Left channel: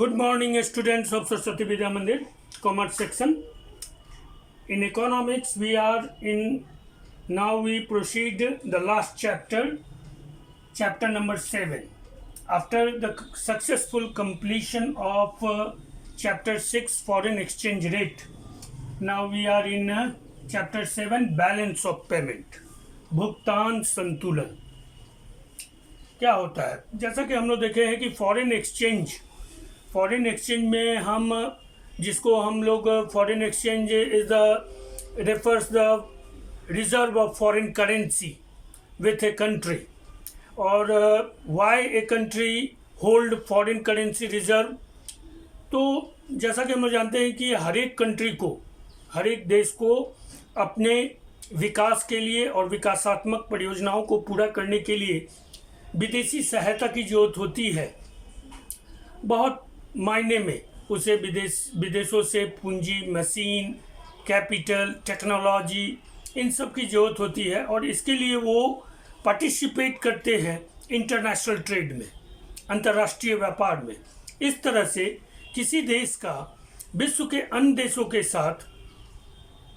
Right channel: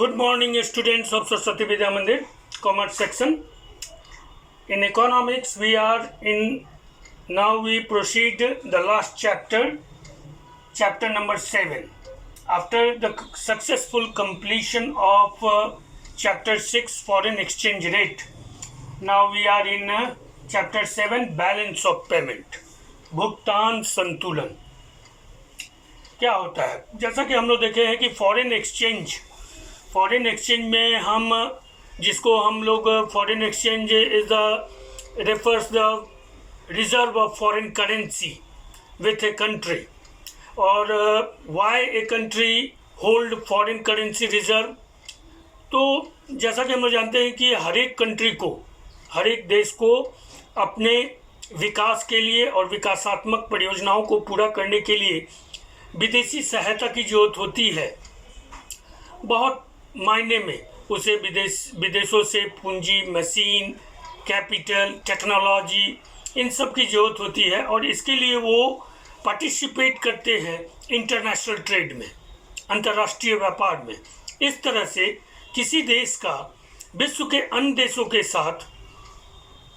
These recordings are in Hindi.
Good morning, students of Saraswati Vidya Mandir, Commerce section. In economics, we proceed the last chapter number 7. After the successful completion of chapter 6, foreign exchange rate, now we are in chapter 7, balance of payment, भुगतान संतुलन. क्या होता है? जैसा कि हम लोग देखे हैं कि फॉरेन एक्सचेंज में हम जिसको हम लोग foreign exchange is the refers the reserve of foreign currency with a country, और why a country hold foreign currency reserve. तो जैसा कि हम लोग जानते हैं कि हर एक देश को अपने विकास के लिए और विकासात्मक परियोजनाओं को पूरा करने के लिए विदेशी सहायता की जरूरत होती है. बहुत मायने में उसे विदेशों से पूंजी, मशीन, कैपिटल, टेक्नोलॉजी, इन सब की ज़रूरत होती है, और इसके लिए वो पार्टिसिपेट करते हैं इंटरनेशनल ट्रेड में, अंतर्राष्ट्रीय व्यापार में. इस तरह से किसी देश का विश्व के अन्य देशों के साथ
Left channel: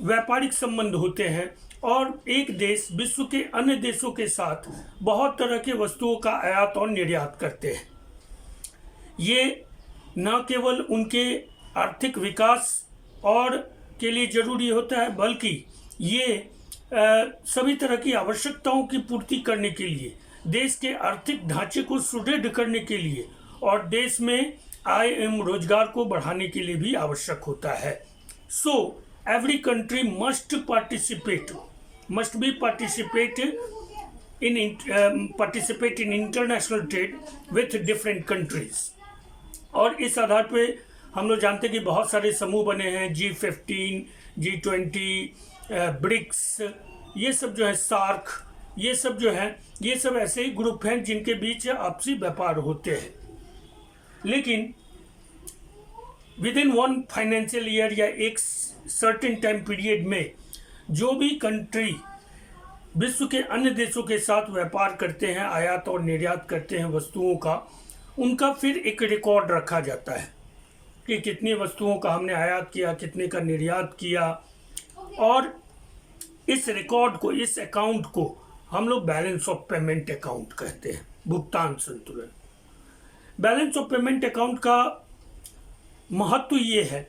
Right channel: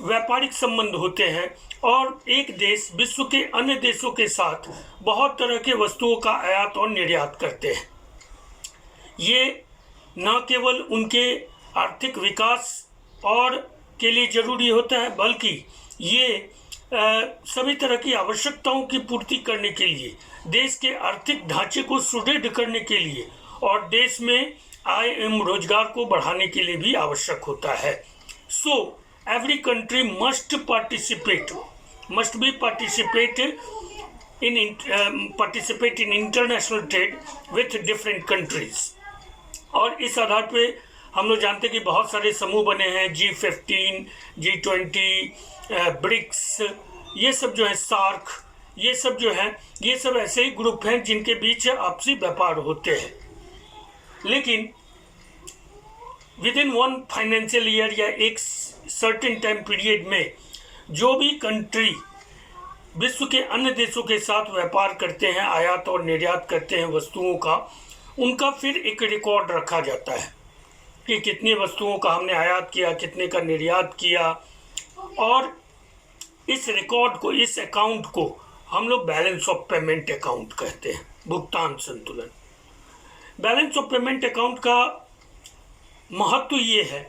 व्यापारिक संबंध होते हैं, और एक देश विश्व के अन्य देशों के साथ बहुत तरह के वस्तुओं का आयात और निर्यात करते हैं. ये न केवल उनके आर्थिक विकास और के लिए ज़रूरी होता है, बल्कि ये सभी तरह की आवश्यकताओं की पूर्ति करने के लिए, देश के आर्थिक ढांचे को सुदृढ़ करने के लिए और देश में आय एवं रोजगार को बढ़ाने के लिए भी आवश्यक होता है. सो every country must participate in international trade with different countries. और इस आधार पे हम लोग जानते हैं कि बहुत सारे समूह बने हैं, G15, G20, ब्रिक्स, ये सब जो है, सार्क, ये सब ऐसे ही ग्रुप हैं जिनके बीच आपसी व्यापार होते हैं. लेकिन with in one financial year या एक सर्टेन टाइम पीरियड में जो भी कंट्री विश्व के अन्य देशों के साथ व्यापार करते हैं, आयात और निर्यात करते हैं वस्तुओं का, उनका फिर एक रिकॉर्ड रखा जाता है कि कितनी वस्तुओं का हमने आयात किया, कितने का निर्यात किया. और इस रिकॉर्ड को, इस अकाउंट को हम लोग बैलेंस ऑफ पेमेंट अकाउंट कहते हैं, भुगतान संतुलन. बैलेंस ऑफ पेमेंट अकाउंट का महत्व ये है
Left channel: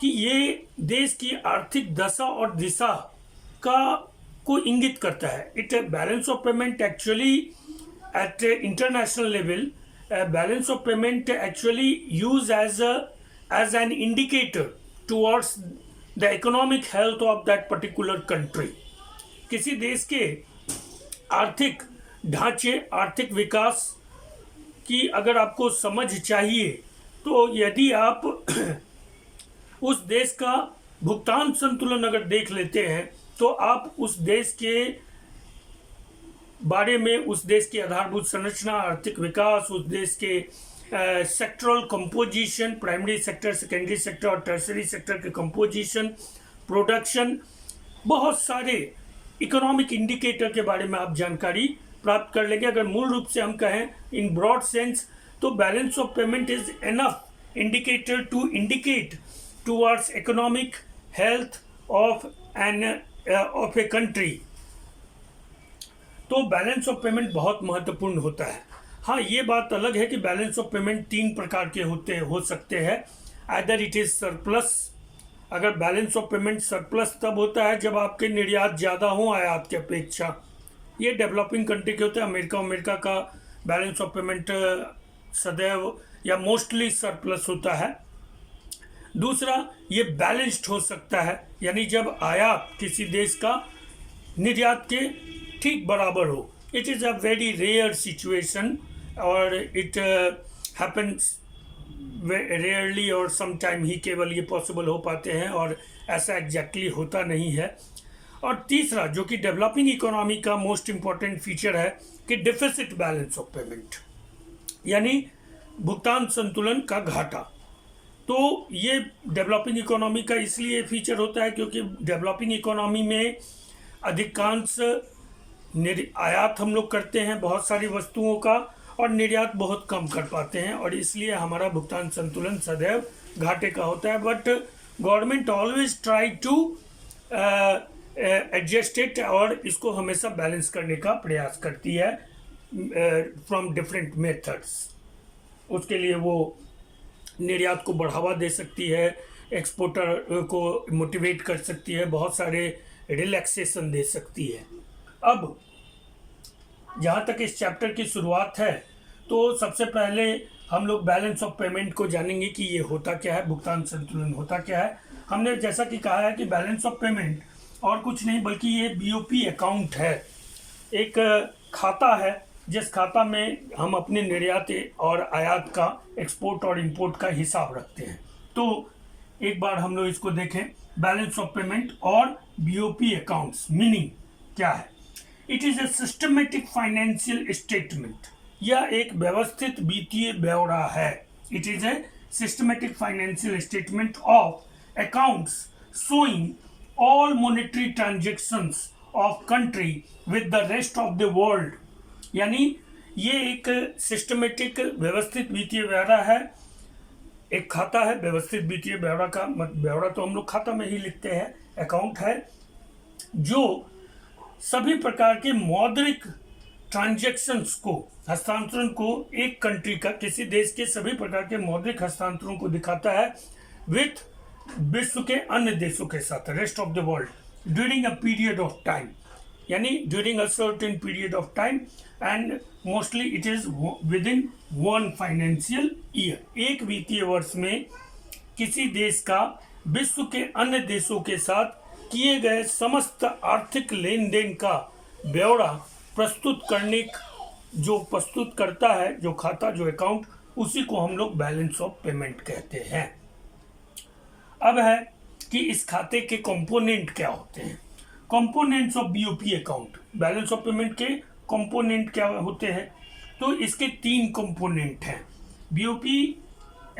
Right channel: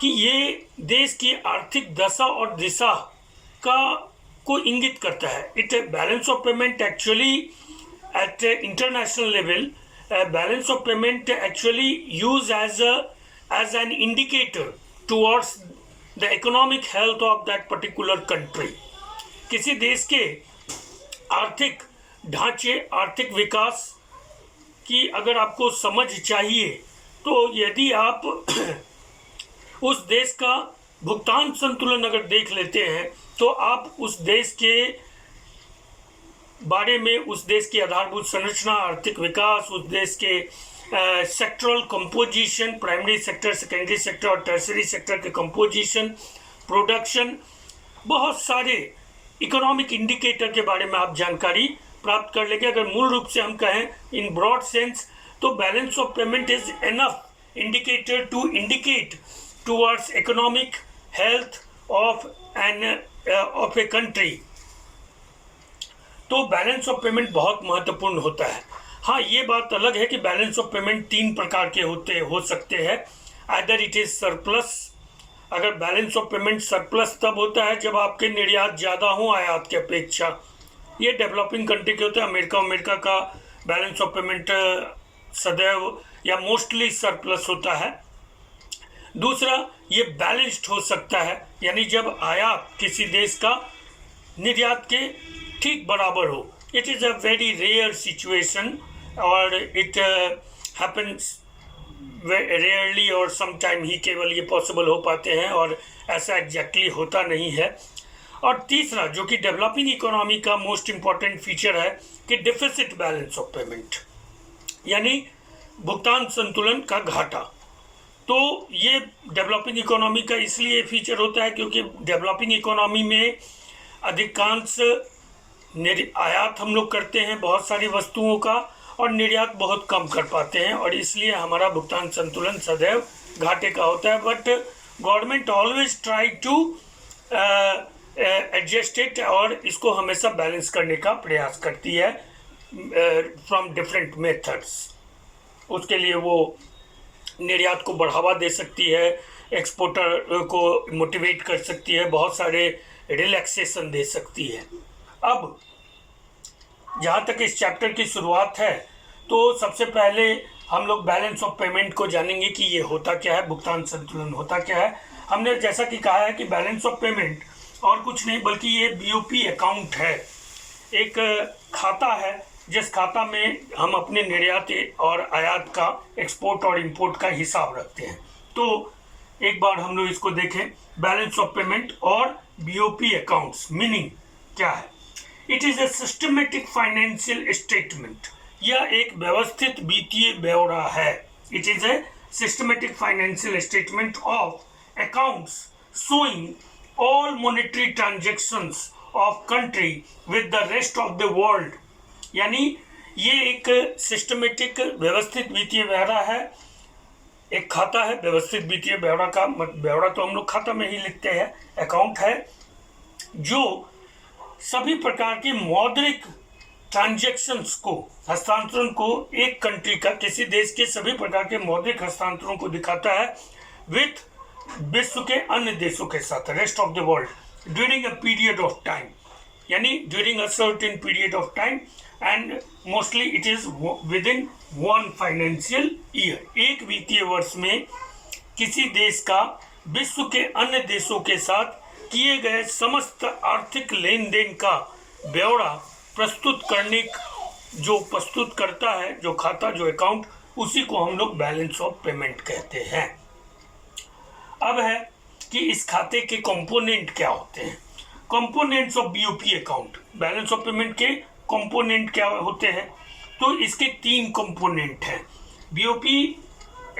कि ये देश की आर्थिक दशा और दिशा को इंगित करता है. It balance of payment actually eight international level, balance of payment actually used as an indicator towards the economic health of that particular country. किसी देश के आर्थिक ढांचे, आर्थिक विकास की अगर आपको समझ चाहिए, तो यदि आप उस देश का भुगतान संतुलन अगर देख लेते हैं, तो आप उस देश के बारे में, उस देश की आधारभूत संरचना, आर्थिक विकास, उस देश के sectoral composition, primary sector, secondary sector और टर्सरी सेक्टर के कंपोजिशन, प्रोडक्शन, बहुत सारे इकोनॉमिक इंडिकेटर के बारे में आप जानकारी प्राप्त कर लेंगे. अगर मूल रूप से हम कहें इन ब्रॉड सेंस, तो balance of payment is enough indicator to indicate towards economic health of a country. तो बैलेंस ऑफ पेमेंट बहुत महत्वपूर्ण होता है. हाँ, ये बात अलग है कि बैलेंस ऑफ पेमेंट 3 प्रकार के हो सकते हैं. Either it is surplus. अगर बैलेंस ऑफ पेमेंट सरप्लस तब होता है जब आपके निर्यात ज़्यादा हो आयात की अपेक्षा. ये डेवलपिंग कंट्री के होते हैं. अमेरिका का बैलेंस ऑफ पेमेंट सदैव या मोस्टली सरप्लस होता है. दूसरा, ये बैलेंस्ड हो सकता है, यानी जब आयात किसी देश का निर्यात के ठीक बराबर हो. It is a very rare situation, और इट हैपन्स रेयरली, और समटाइम ही केवल ये पॉसिबल हो पाते हैं, और ऐसा एग्जैक्टली होता नहीं है. और तीसरा, जो कि डेवलपिंग इकोनॉमी का मोस्ट इम्पॉर्टेंट फीचर है, कि डिफिसिट बैलेंस ऑफ पेमेंट, यानी भुगतान संतुलन का घाटा. तो ये डेवलपिंग इकोनॉमी का इसलिए फीचर होता है क्योंकि डेवलपिंग इकोनॉमी में अधिकांश आयात हम लोग करते हैं बहुत सारी वस्तुओं का, और निर्यात बहुत कम कर पाते हैं, और इसलिए हमारा भुगतान संतुलन सदैव घाटे का होता है। But government always try to adjust it, और इसको हमेशा बैलेंस करने का प्रयास करती है फ्रॉम डिफरेंट मेथड्स। उसके लिए वो निर्यात को बढ़ावा दे सकती है, एक्सपोर्टर को मोटिवेट कर सकती है, बहुत सारे रिलैक्सेशन दे सकती है। अब जहाँ तक इस चैप्टर की शुरुआत है, तो सबसे पहले हम लोग बैलेंस ऑफ पेमेंट को जानेंगे कि ये होता क्या है, भुगतान संतुलन होता क्या है। हमने जैसा कि कहा है कि बैलेंस ऑफ पेमेंट और कुछ नहीं बल्कि ये बीओपी अकाउंट है, एक खाता है जिस खाता में हम अपने निर्यात और आयात का, एक्सपोर्ट और इंपोर्ट का हिसाब रखते हैं। तो एक बार हम लोग इसको देखें, बैलेंस ऑफ पेमेंट और बीओपी अकाउंट्स मीनिंग क्या है। It is a systematic financial statement, यह एक व्यवस्थित वित्तीय ब्यौरा है। It is a systematic financial statement of accounts showing all monetary transactions of country with the rest of the world. यानी ये एक सिस्टमेटिक व्यवस्थित वित्तीय ब्यौरा है, एक खाता है। व्यवस्थित वित्तीय ब्यौरा का ब्यौरा तो हम लोग खाता में ही लिखते हैं, अकाउंट है जो सभी प्रकार के मौद्रिक ट्रांजैक्शंस को, हस्तांतरण को, एक कंट्री का, किसी देश के सभी प्रकार के मौद्रिक हस्तांतरण को दिखाता है विथ विश्व के अन्य देशों के साथ, rest of the world, during a period of time, यानी during a certain period of time, and mostly it is within one financial year. एक वित्तीय वर्ष में किसी देश का विश्व के अन्य देशों के साथ किए गए समस्त आर्थिक लेन देन का ब्यौरा प्रस्तुत करता है जो खाता, जो अकाउंट, उसी को हम लोग बैलेंस ऑफ पेमेंट कहते हैं। अब है कि इस खाते के कंपोनेंट क्या होते हैं। Components of BOP account, balance of payment के कंपोनेंट क्या होते हैं, तो इसके 3 कंपोनेंट हैं। BOP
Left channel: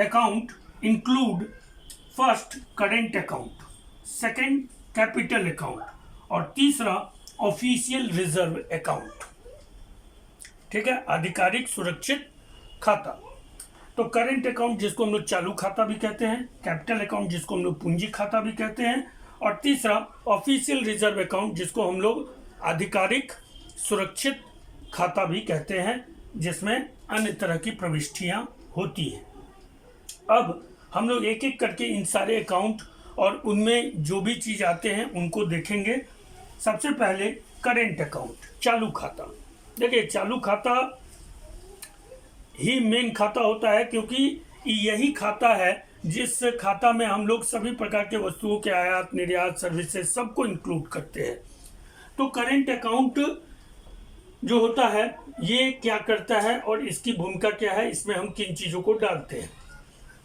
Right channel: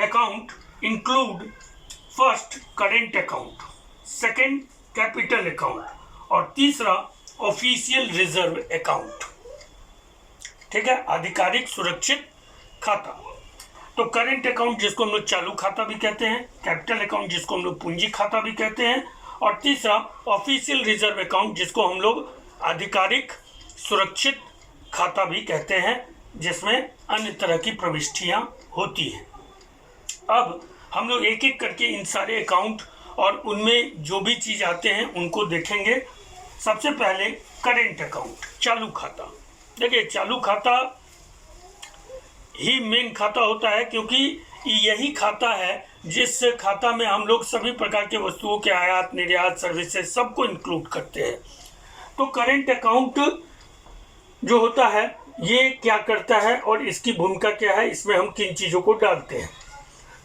account include first current account, second capital account और तीसरा ऑफिशियल रिजर्व अकाउंट। ठीक है, आधिकारिक सुरक्षित खाता। तो करेंट अकाउंट जिसको हम लोग चालू खाता भी कहते हैं, कैपिटल अकाउंट जिसको हम लोग पूंजी खाता भी कहते हैं, और तीसरा ऑफिशियल रिजर्व अकाउंट जिसको हम लोग आधिकारिक सुरक्षित खाता भी कहते हैं, जिसमें अन्य तरह की प्रविष्टियां होती हैं। अब हम लोग एक एक करके इन सारे अकाउंट और उनमें जो भी चीज़ आते हैं उनको देखेंगे। सबसे पहले करेंट अकाउंट, चालू खाता। देखिए, चालू खाता ही मेन खाता होता है, क्योंकि यही खाता है जिस खाता में हम लोग सभी प्रकार के वस्तुओं के आयात, निर्यात, सर्विसेज सबको इंक्लूड करते हैं। तो करेंट अकाउंट जो होता है ये क्या करता है और इसकी भूमिका क्या है, इसमें हम किन चीज़ों को डालते हैं।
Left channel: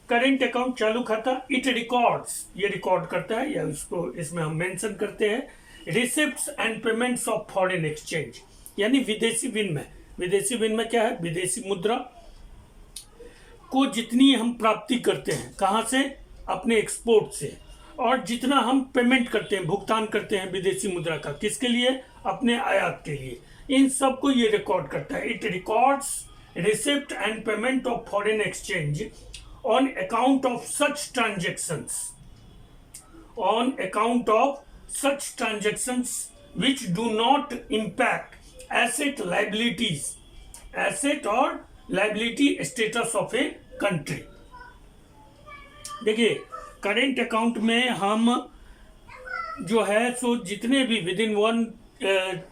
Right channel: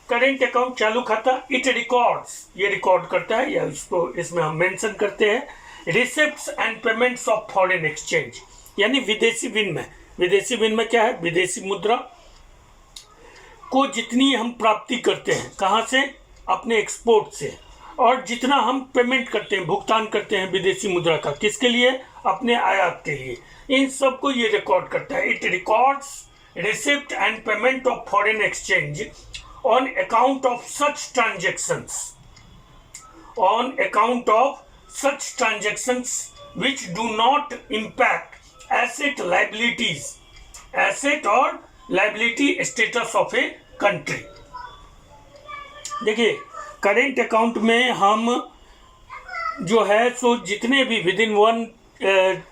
करेंट अकाउंट, चालू खाता, इट रिकॉर्ड्स, ये रिकॉर्ड करता है, या इसको इसमें हम मेंशन करते हैं receipts and payments of foreign exchange, यानी विदेशी विनिमय। विदेशी विनिमय क्या है? विदेशी मुद्रा को जितनी हम प्राप्ति करते हैं, कहाँ से? अपने एक्सपोर्ट से, और जितना हम पेमेंट करते हैं, भुगतान करते हैं विदेशी मुद्रा का, किसके लिए? अपने आयात के लिए। इन सब को ये रिकॉर्ड करता है। It records receipt and payment of foreign exchange on account of such transactions, on account of such transactions which do not impact asset liabilities, asset or liability status of a country। देखिए, करेंट अकाउंट में हम जो है सो जितने भी within one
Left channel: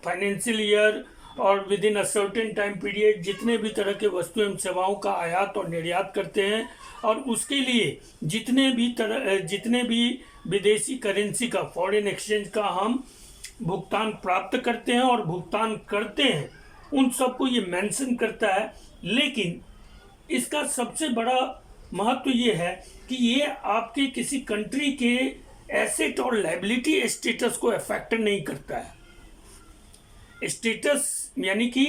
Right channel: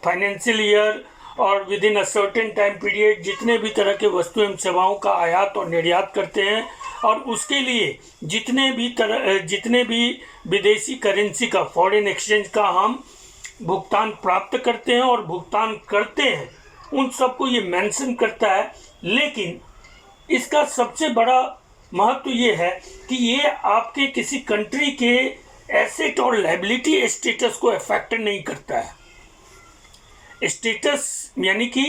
financial year और within a certain time period जितने भी तरह के वस्तु एवं सेवाओं का आयात और निर्यात करते हैं, और उसके लिए जितने भी विदेशी करेंसी का, फॉरेन एक्सचेंज का हम भुगतान प्राप्त करते हैं और भुगतान करते हैं, उन सबको ये मेंशन करता है। लेकिन इसका सबसे बड़ा महत्व ये है कि ये आपके किसी कंट्री के एसेट और लायबिलिटी स्टेटस को अफेक्ट नहीं करता है। स्टेटस यानी कि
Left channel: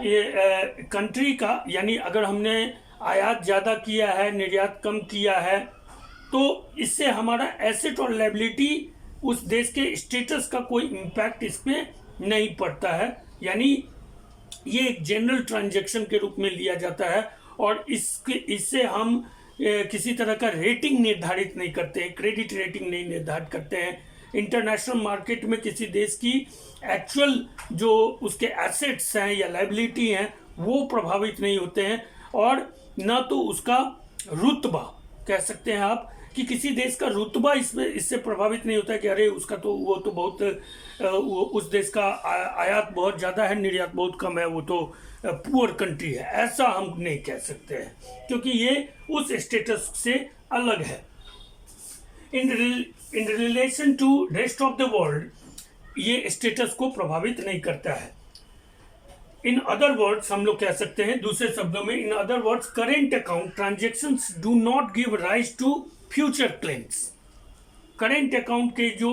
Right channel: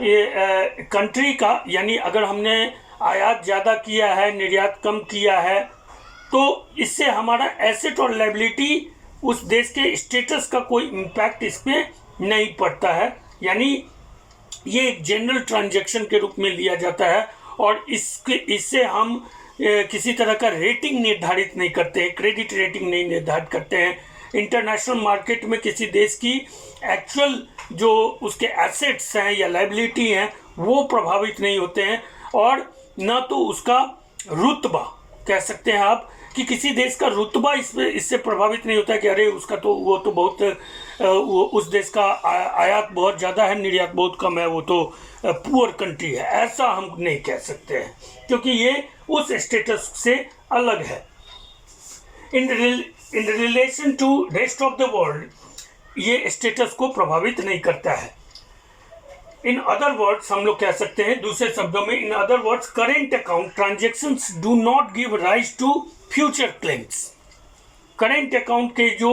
कंट्री का, यानी अगर हमने आयात ज़्यादा किया है, निर्यात कम किया है, तो इससे हमारा एसेट और लायबिलिटी, उस देश के स्टेटस का कोई इम्पैक्ट इसमें नहीं पड़ता है। यानी ये एक जनरल ट्रांजैक्शन के रूप में लिया जाता है और इससे हम किसी तरह का रेटिंग निर्धारित नहीं करते हैं, क्रेडिट रेटिंग नहीं निर्धारित करते हैं। इंटरनेशनल मार्केट में किसी देश की एक्चुअल जो उसके एसेट्स हैं या लायबिलिटी हैं वो प्रभावित नहीं होते हैं, और न तो उसका रुतबा, कह सकते हैं आप कि किसी देश का रुतबा इससे प्रभावित नहीं होता है कि अरे उसका तो वो तो बहुत उस देश का आयात बहुत ज़्यादा है, निर्यात बहुत कम है, वो तो पुअर कंट्री है। ऐसा हम नहीं कह सकते हैं क्योंकि ये उस स्टेटस से अलग है। In relation to rest of the world ये स्टेटस को प्रभावित नहीं करता है। इन अदर वर्ड्स हम लोग कह सकते हैं दूसरे शब्दों में, in other words current account transactions do not give rise to future claims. Current account के जो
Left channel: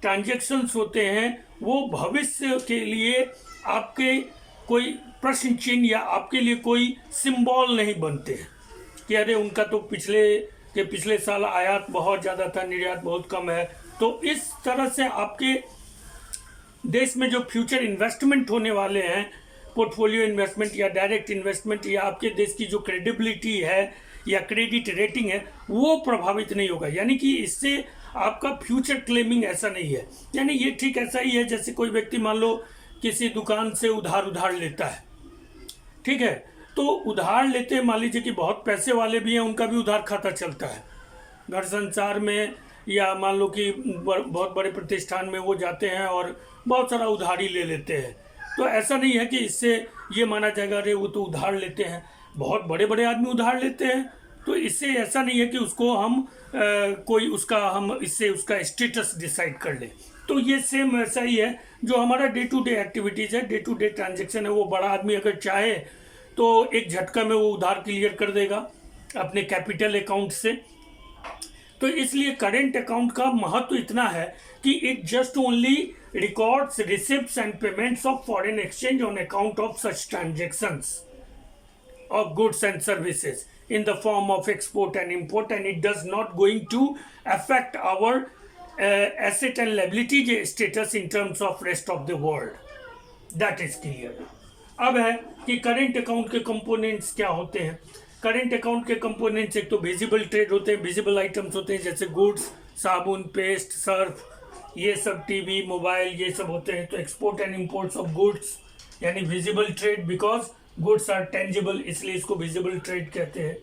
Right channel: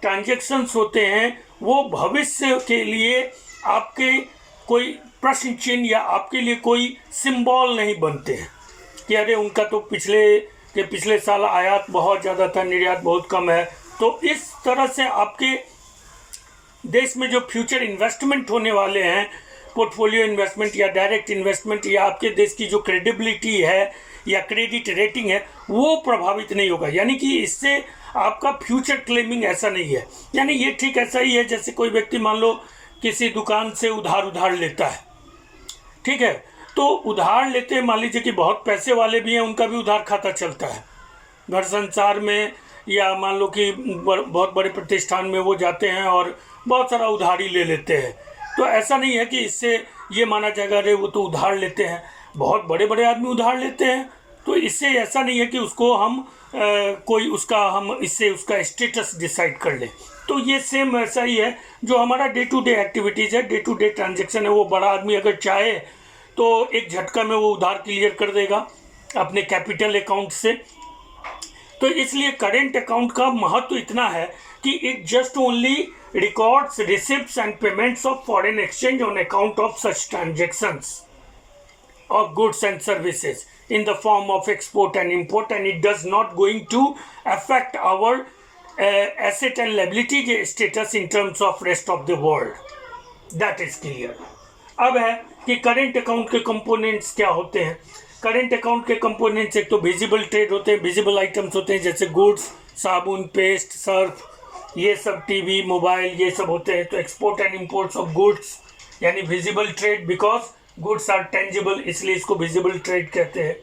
ट्रांजेक्शन्स होते हैं वो भविष्य के लिए आपके कोई प्रश्न चिन्ह या आपके लिए कोई सिंबल नहीं बनते हैं कि अरे उनका तो पिछले साल आयात बहुत ज़्यादा था, निर्यात बहुत कम है। तो इस तरह से आपके देश में जो फ्यूचर इन्वेस्टमेंट होने वाले हैं, पोर्टफोलियो इन्वेस्टमेंट या डायरेक्ट इन्वेस्टमेंट, या आपके देश की जो क्रेडिबिलिटी है या क्रेडिट रेटिंग है वो प्रभावित नहीं होगा। यानी कि इससे आपका फ्यूचर क्लेमिंग ऐसा नहीं है। यानी ये ठीक ऐसा ही है जैसे कोई व्यक्ति मान लो किसी दुकान से उधार लेता है, ठीक है, तो उधार लेते मान लीजिए कि बहुत पैसे वाले भी हैं, उनका भी उधार खाता चलता है घर संसार में, या मान लो कि बहुत बड़े प्रतिष्ठान में वो जाते हैं और बहुत सारा उधारी ले लेते हैं। तो ऐसा नहीं है कि इससे ये माना जाएगा अरे वो तो उधार लेते हैं, बहुत बड़े बड़े आदमी उधार लेते हैं, तो इससे ऐसा नहीं है कि उसको हम इससे उसका स्टेटस डिसाइड कर लें। तो ये सेम ऐसा ही है जो हमारा डे टू डे एक्टिविटीज़ है, डे टू डे ट्रांजेक्शन है, वो बड़ा आदमी अगर चाहे तो एक झटका में वो उधार क्लियर कर देगा अपने कैपिटल अकाउंट से। तो इसलिए करेंट अकाउंट का महत्व इतना है कि it just only records receipts and payments of foreign exchange on account of such transactions of goods and services in the form of export and import, and it does not going to affect our asset and liability status in terms of rest of the world. That is clear. अब है कि करेंट अकाउंट के कंपोनेंट्स क्या होते हैं। करेंट अकाउंट के कंपोनेंट्स एक तो विजिबल ट्रेड होते हैं, विजिबल आइटम्स होते हैं जैसे गुड्स, साबुन, पेस्ट, सर्फ, ये सब, टीवी, मोबाइल, ये सब होते हैं। तो export and imports of goods यानी visible trade, because goods are tangible, इसलिए इसको विजिबल ट्रेड कहते हैं।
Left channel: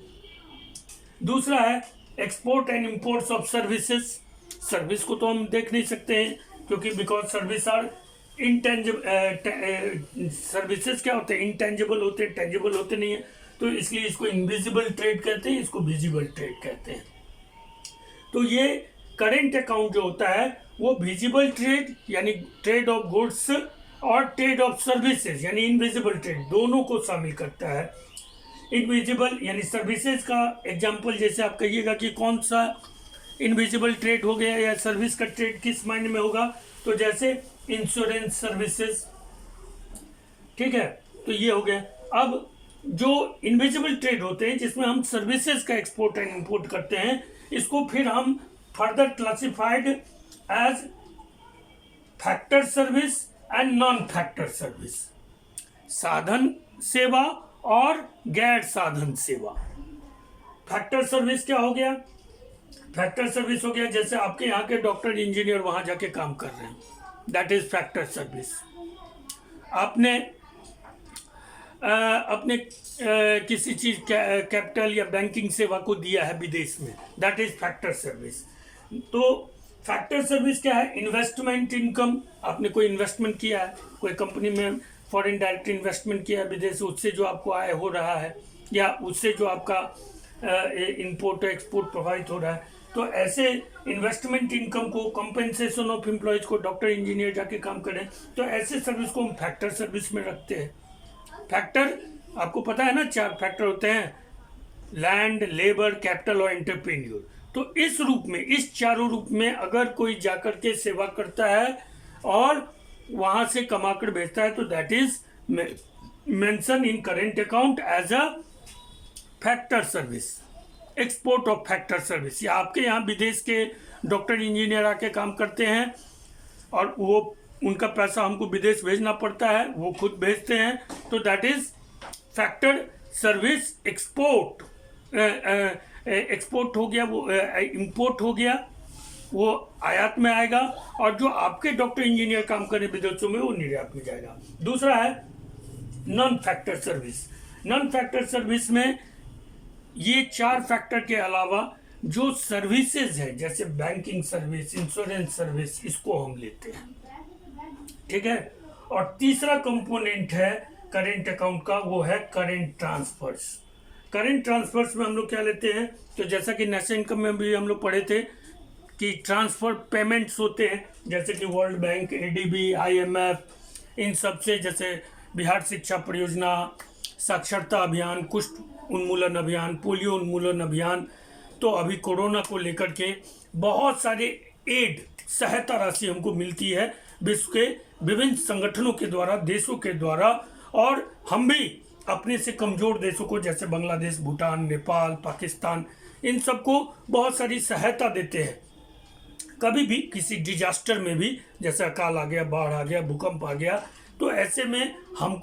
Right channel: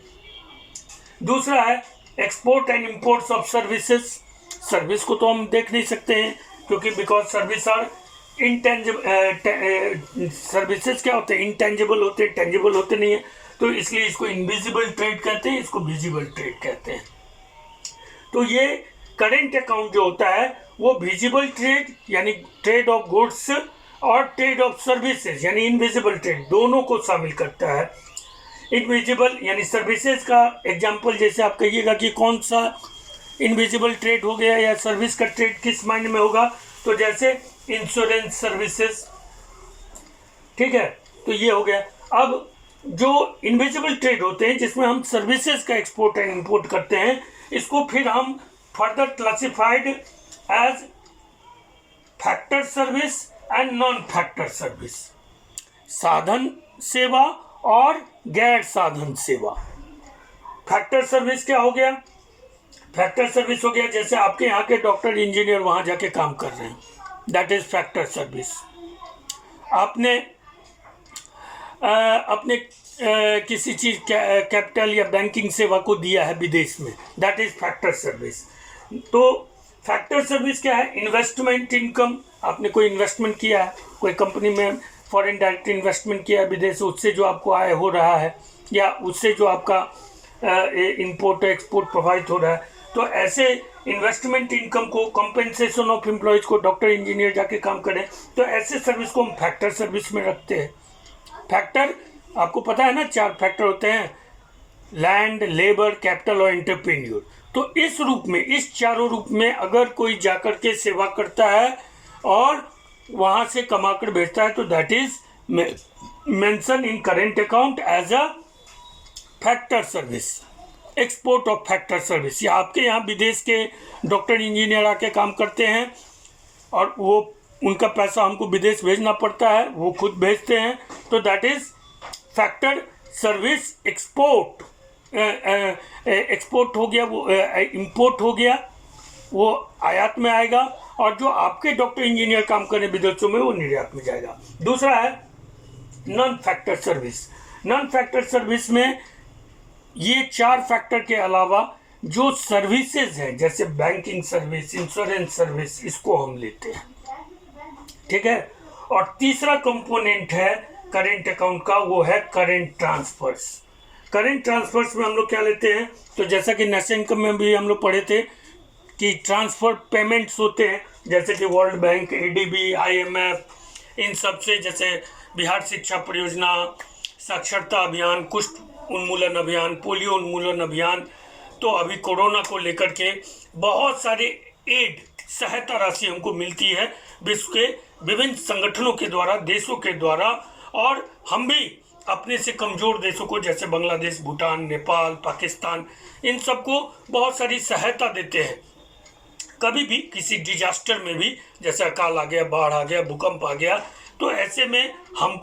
दूसरा है export and imports of services. Service को तो हम देख नहीं सकते हैं क्योंकि because service are intangible, services क्या होते हैं, इनटेंजिबल होते हैं, टेंजिबल होते नहीं है, तो इसलिए इसको इनविजिबल ट्रेड कहते हैं, इसको विजिबल ट्रेड कहते हैं। तो ये करेंट अकाउंट जो होता है वो विजिबल ट्रेड यानी ट्रेड ऑफ गुड्स और ट्रेड ऑफ सर्विसेज यानी इनविजिबल ट्रेड दोनों को शामिल करता है। इनविजिबल यानी सर्विसेज का एग्जांपल जैसे आप कहिएगा कि कौन सा इनविजिबल ट्रेड हो गया या सर्विस का ट्रेड किस मायने में होगा, तो जैसे इंश्योरेंस सर्विसेज, ठीक है, तो ये हो गया। अब जो इनविजिबल ट्रेड होते हैं जिसमें हम सर्विसेज का एक्सपोर्ट एंड इंपोर्ट करते हैं, इसको फिर हम further classified age factor service and non factor service, साधन सेवा और गैर साधन सेवा। फैक्टर सर्विस क्या हो गया, फैक्टर सर्विस हो गया जैसे आपके यहाँ के डॉक्टर इंजीनियर वहाँ जाके काम कर रहे हैं, दैट इज फैक्टर सर्विस। आपने अपने किसी चीज़ कैपिटल या बैंकिंग सेवा को दिया है विदेश में, दैट इज फैक्टर सर्विस। तो फैक्टर सर्विस क्या है, इन्वेस्टमेंट इनकम, आपने कोई इन्वेस्टमेंट किया है, कोई कंपनी में फॉरेन डायरेक्ट इन्वेस्टमेंट किया है विदेश, उससे जो आपको आय हो रहा है या उससे जो आपका इंपोर्ट एक्सपोर्ट प्रभावित हो रहा है, तो ऐसे इन्वेस्टमेंट इनकम को, कंपेंसेशन ऑफ एम्प्लॉयज़ को, डॉक्टर इंजीनियर जाके काम करें, तो ऐसे सर्विस को हम फैक्टर सर्विस में रखते हैं। फैक्टर आपको पता है ना, 4 फैक्टर होते हैं, लैंड, लेबर, कैपिटल और एंटरप्रेन्योर। तो इस रूप में, इस चारों रूप में अगर कोई जाकर के सेवा करता है और वहाँ से कमा कर भेजता है तो that is mention in current account as a factor service, export of factor service. या आपके यहाँ विदेश के डॉक्टर इंजीनियर आके काम करते हैं और वो उनका पैसा हमको विदेश भेजना पड़ता है, वो खुद भेजते हैं। तो that is factor service export. Export हो गया, वो इंपोर्ट हो गया, वो आयात में आएगा। और जो आपके डॉक्टर इंजीनियर काम करें विदेशों में, वो निर्यात में जाएगा। दूसरा है non factor service. Non factor service में ये 4 फैक्टर के अलावा जो सर्विसेज है, जैसे बैंकिंग सर्विस, इंश्योरेंस सर्विस, इसको हम लेते हैं, ठीक है। और तीसरा कंपोनेंट है करेंट अकाउंट का, वो है करेंट ट्रांसफर्स। करेंट ट्रांसफर्स में हम लोग क्या लेते हैं, तो जैसा कि नेशनल इनकम में भी हम लोग पढ़े थे कि ट्रांसफर पेमेंट्स होते हैं, जैसे कि वर्ल्ड बैंक, एडीबी, आईएमएफ, इन सब से, जैसे बिहार शिक्षा परियोजना, साक्षरता अभियान, कुष्ठ उन्मूलन अभियान, पोलियो उन्मूलन अभियान। तो अभी कोरोना को लेकर के बहुत सारे एड, सहायता राशि हमको मिलती है विश्व के विभिन्न संगठनों के द्वारा, देशों के द्वारा। और हम भी अपने से कमज़ोर देशों को, जैसे बांग्लादेश, भूटान, नेपाल, पाकिस्तान, इन सबको बहुत सारी सहायता देते हैं। कभी भी किसी डिजास्टर में भी, जैसे अकाल आ गया, बाढ़ आ गया, भूकंप आ गया, तो ऐसे में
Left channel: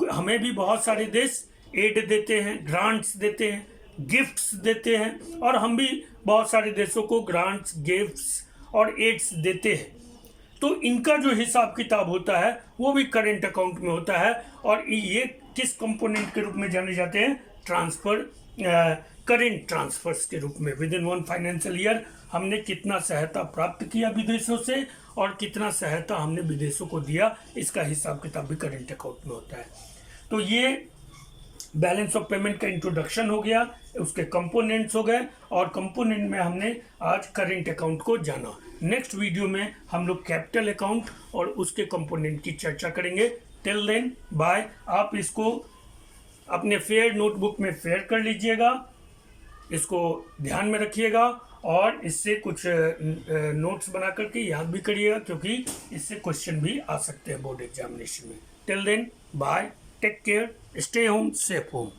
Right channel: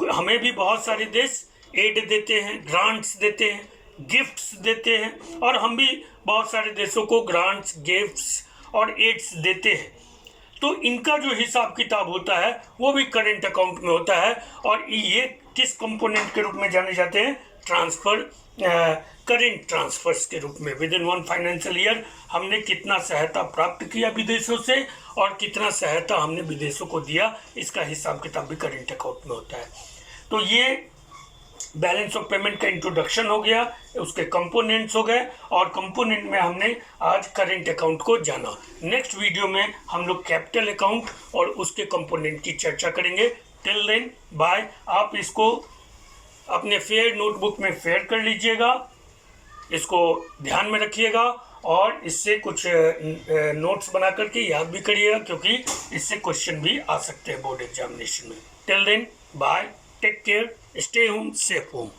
हमें भी बहुत सारे देश एड देते हैं, ग्रांट्स देते हैं, गिफ्ट्स देते हैं। और हम भी बहुत सारे देशों को ग्रांट्स, गिफ्ट्स और एड्स देते हैं। तो इनका जो हिसाब किताब होता है वो भी करेंट अकाउंट में होता है। और ये किस कंपोनेंट के रूप में जाने जाते हैं, ट्रांसफर, करेंट ट्रांसफर्स के रूप में। विद इन 1 फाइनेंशियल ईयर हमने कितना सहायता प्राप्त किया विदेशों से और कितना सहायता हमने विदेशों को दिया, इसका हिसाब किताब भी करेंट अकाउंट में होता है। तो ये बैलेंस ऑफ पेमेंट का इंट्रोडक्शन हो गया, उसके कंपोनेंट्स हो गए, और कंपोनेंट में हमने आज करेंट अकाउंट को जाना। नेक्स्ट वीडियो में हम लोग कैपिटल अकाउंट और उसके कंपोनेंट की चर्चा करेंगे। Till then bye. आप इसको अपने फेयर नोटबुक में फेयर कर लीजिएगा, इसको ध्यान में रखिएगा और इससे कुछ नोट्स बना करके याद भी करिएगा, क्योंकि इससे क्वेश्चन भी आ सकते हैं बोर्ड एग्जामिनेशन में। Till then bye, take care, stay home, safe home.